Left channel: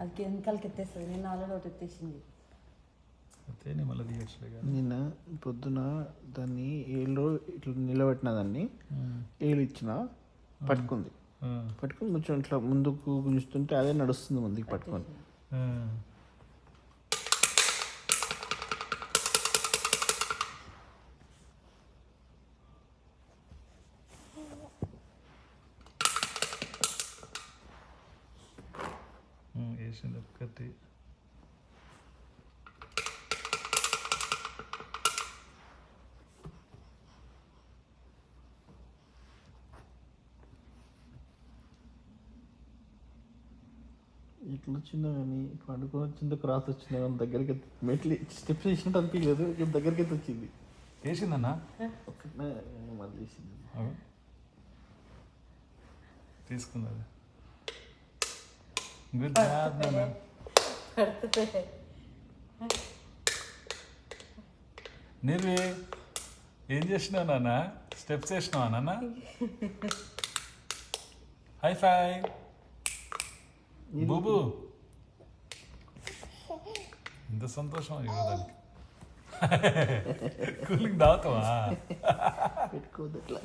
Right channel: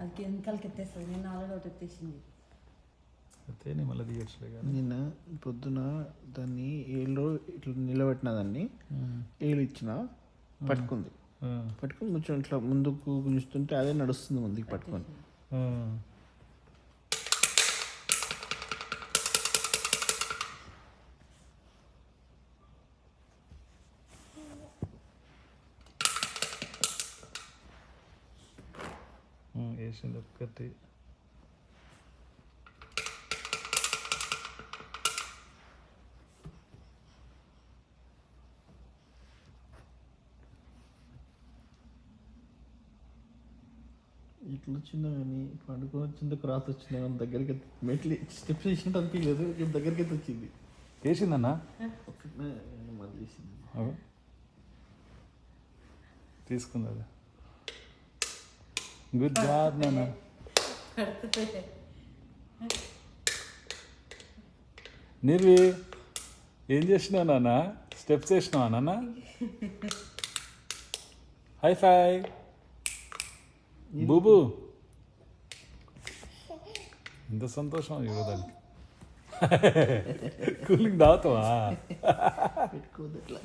అది కెమికల్కి ఎత్తేస్తుంది. నేను ఆల్రెడీ ఒకటి ఎత్తేసింది. నిన్న పొద్దున దాన్ని ఏళ్ళు ఇట్లా నిలబెట్టిన దాన్ని ఏళ్ళు ఇచ్చిన పట్టుకుంది. పట్టుకుని కొంచెం ఇట్లా ముందుకు గుంజుతుంటే అదే నడుస్తుంది ముందుకు పట్టుకొని. వేసింది ఒక్కటి. ఇట్లా వచ్చిందా కానీ పండుకొని వచ్చిందో క్రాస్ వచ్చిందా కానీ దగ్గరికి మెట్లు స్టెప్స్ వేసినట్టు అనిపించలేదు. దగ్గరికి అయితే వచ్చింది. వేసిందన్నా ఒక్కటే మళ్ళీ వేసింది. తీసుకుందా? Good job. నిర్వి ఏం చేసినావు నాన్న? స్టెప్స్ వేసినావా నాన్న? హై ఫై బూబు. ఎంత సంతోషం ఇవ్వడానికి. కూలింగ్ దాతావా? పెట్టుకోవద్దు అట్లా.